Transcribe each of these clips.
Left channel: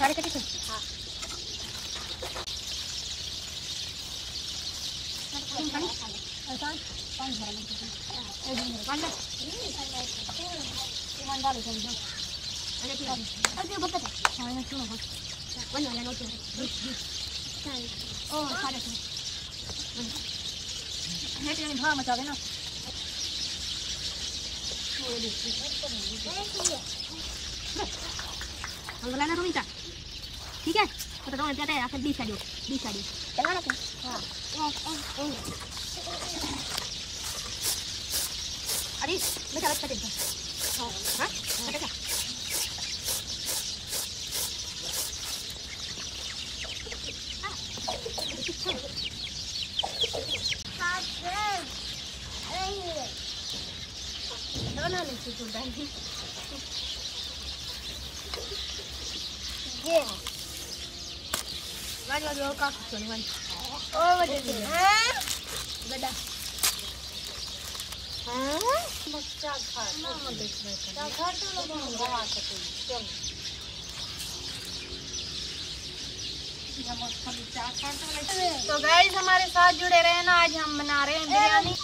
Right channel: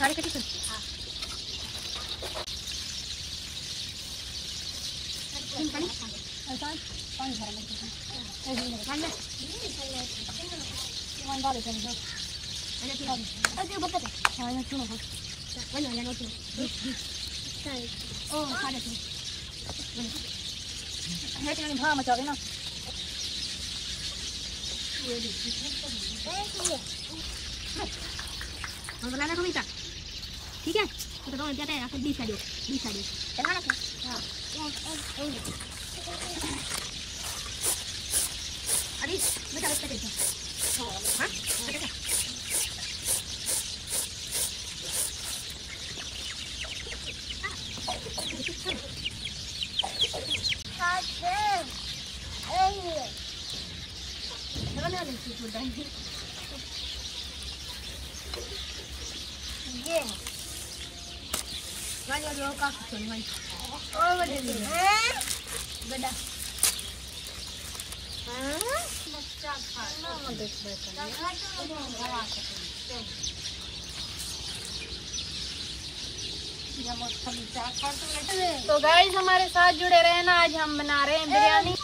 सारे कटी सुन पानी पानी भरा मत पानी पानी डालो चल दो अरे बता हां ना सुनो वन वाला नो चल ओ सारे सुन हेट में भा मचा देना अंगला ना सुनीता ठीक है तो तो जाता है आकर 20 साड़ी चला रहा हां अरे मैं चला सकते हैं हां हां दोनों ने चुप डाली ये वाला जो का चलवन ओ बड़ा हां बच्चा खा ना देख बैठा खा तो लोग हवा सके तो गाइस हमारे साथ जुड़े रहे ना। आज हम बना रहे हैं बिरयानी।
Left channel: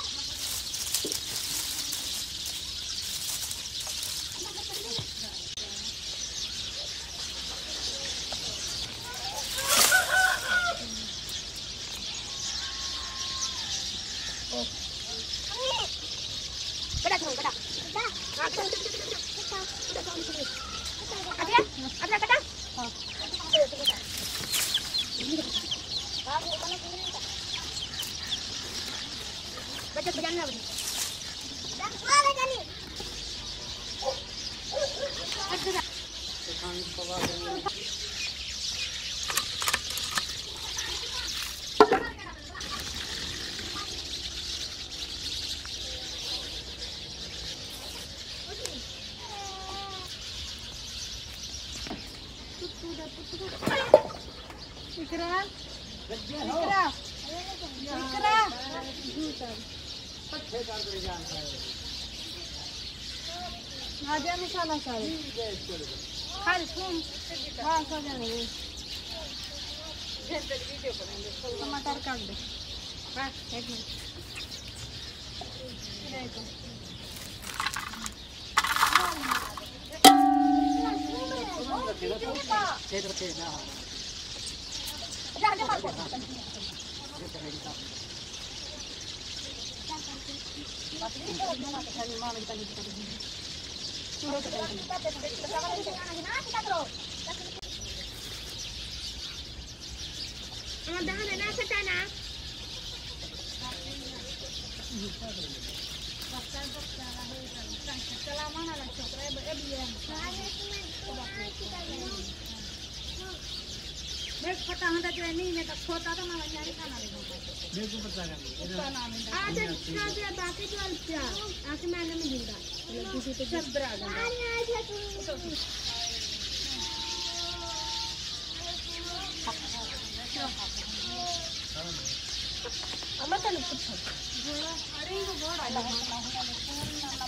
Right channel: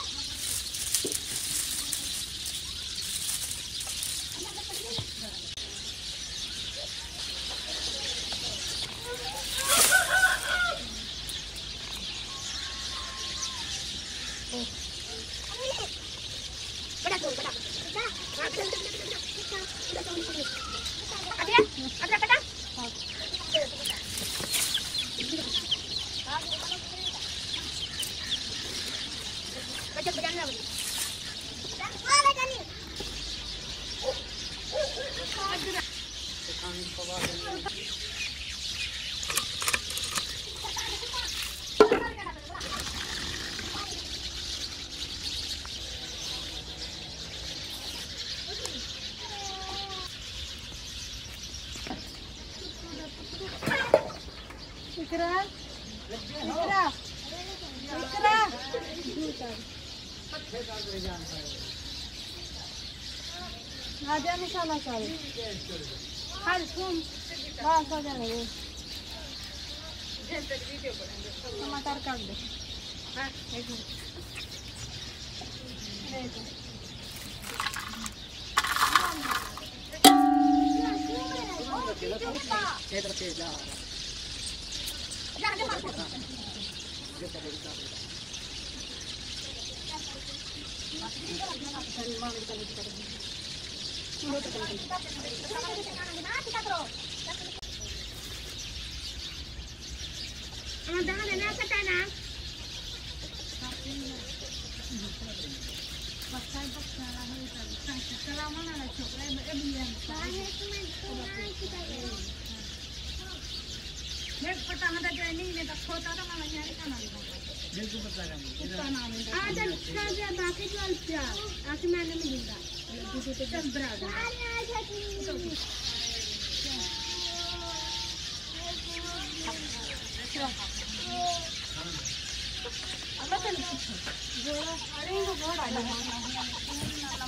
आजा मसाला सारे खाली थूम बस हो जाने दे। टमाटर काट दे एक मिनट पता होता जो नहीं मैं तो खोता तो मैं वैसे खाना नहीं बिल्कुल पता नहीं आज बाकी चल जा आज मैंने मिलेगा दीदी तो जब बराबर अब तो नहीं अरे वो बड़ा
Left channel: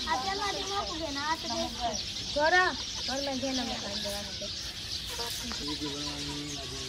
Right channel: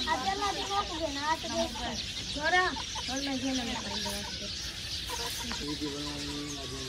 आज चला देना होगा ना आज देख छोरा और मैं घेना में कर देगा वीडियो बनाने लगे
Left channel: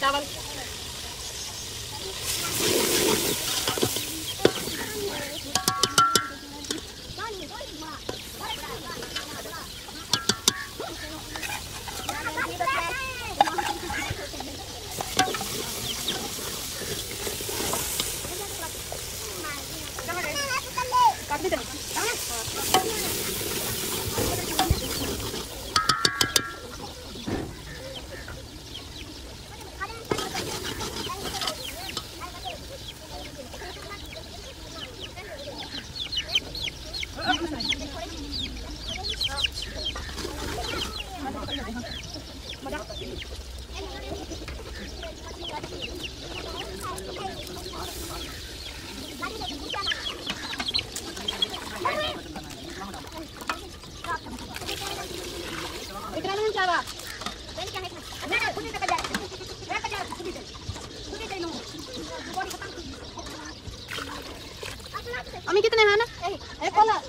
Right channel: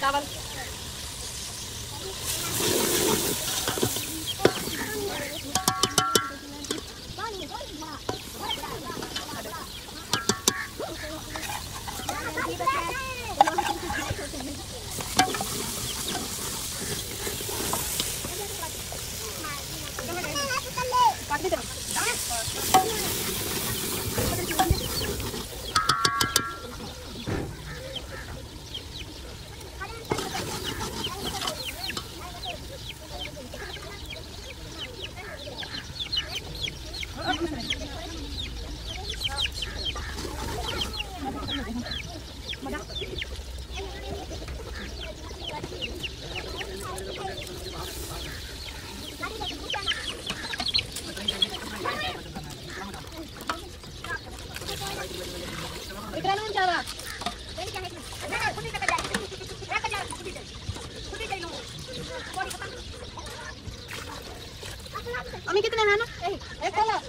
चावल अम्मी कितने हैं ना एक वाला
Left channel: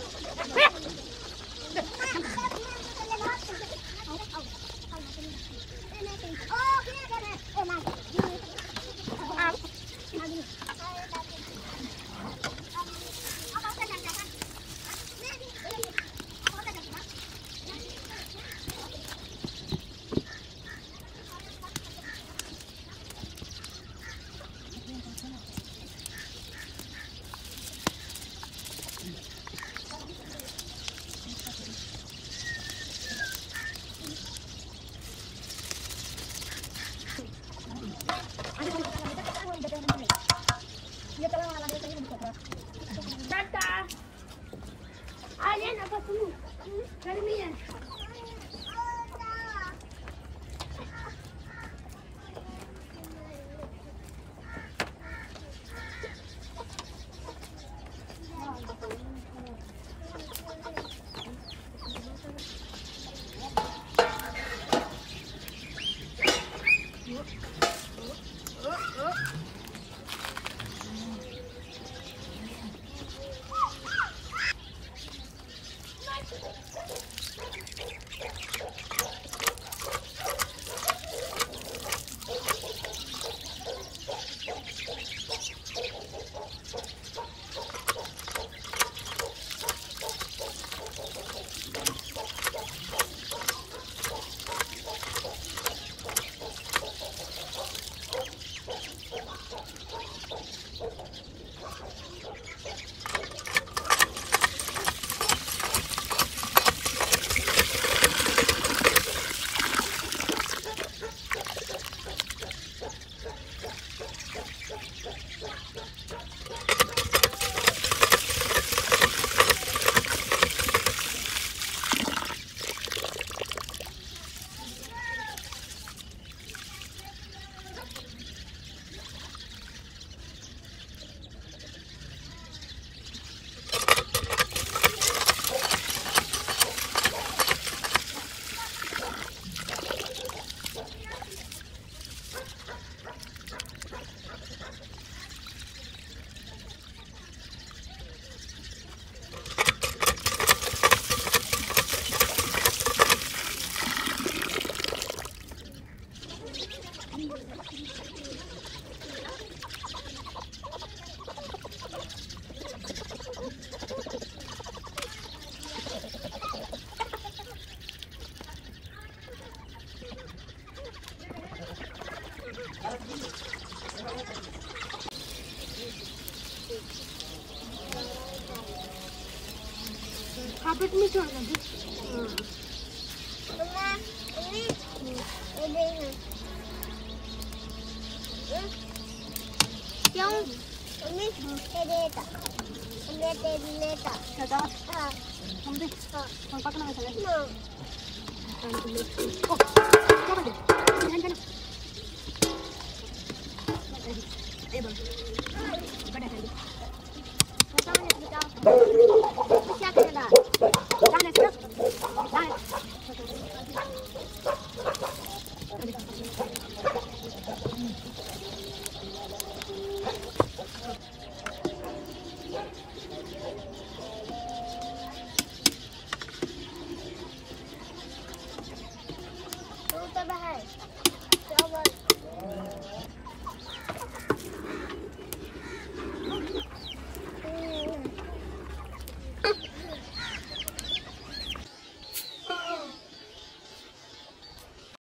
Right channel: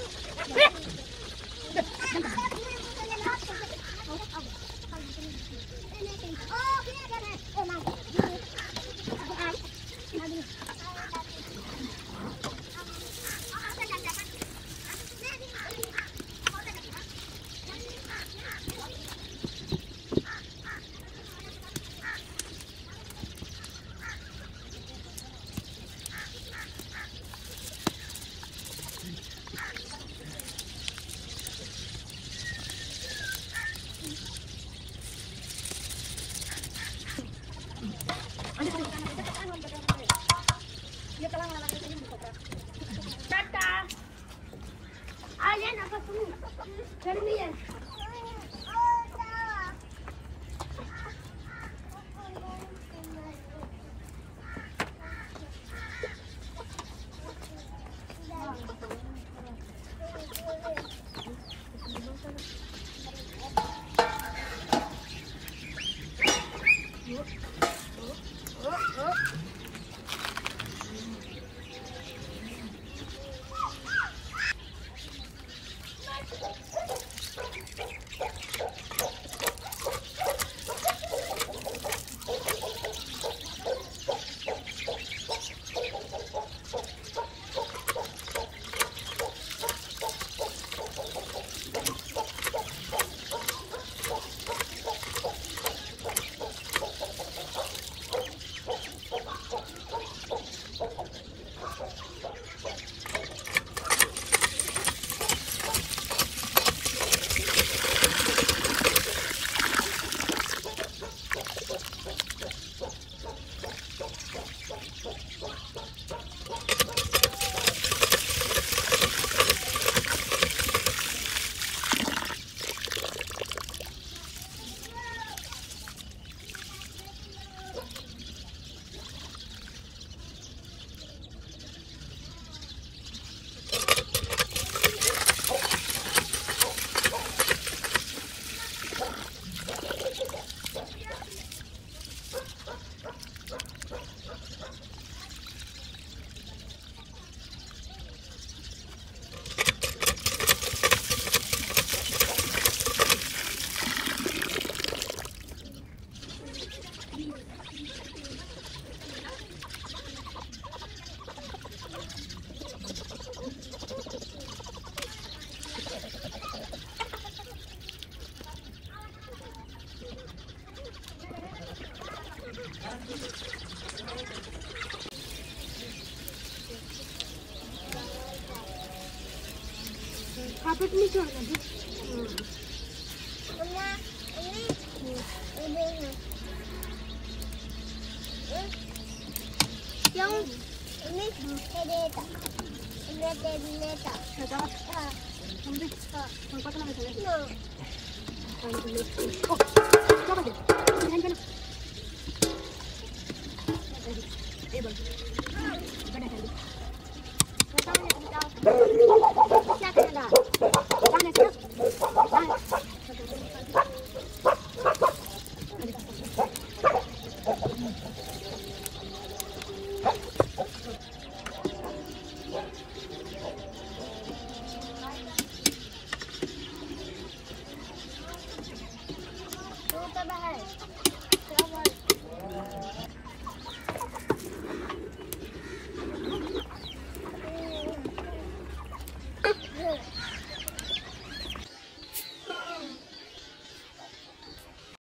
खापट में छोड़ना भी क्यों हम भी हम पकना में चले ओ क्या बजे ध्यान देना ए बोल बड़ा कर दे क्या करेगा जाने से तो बाहर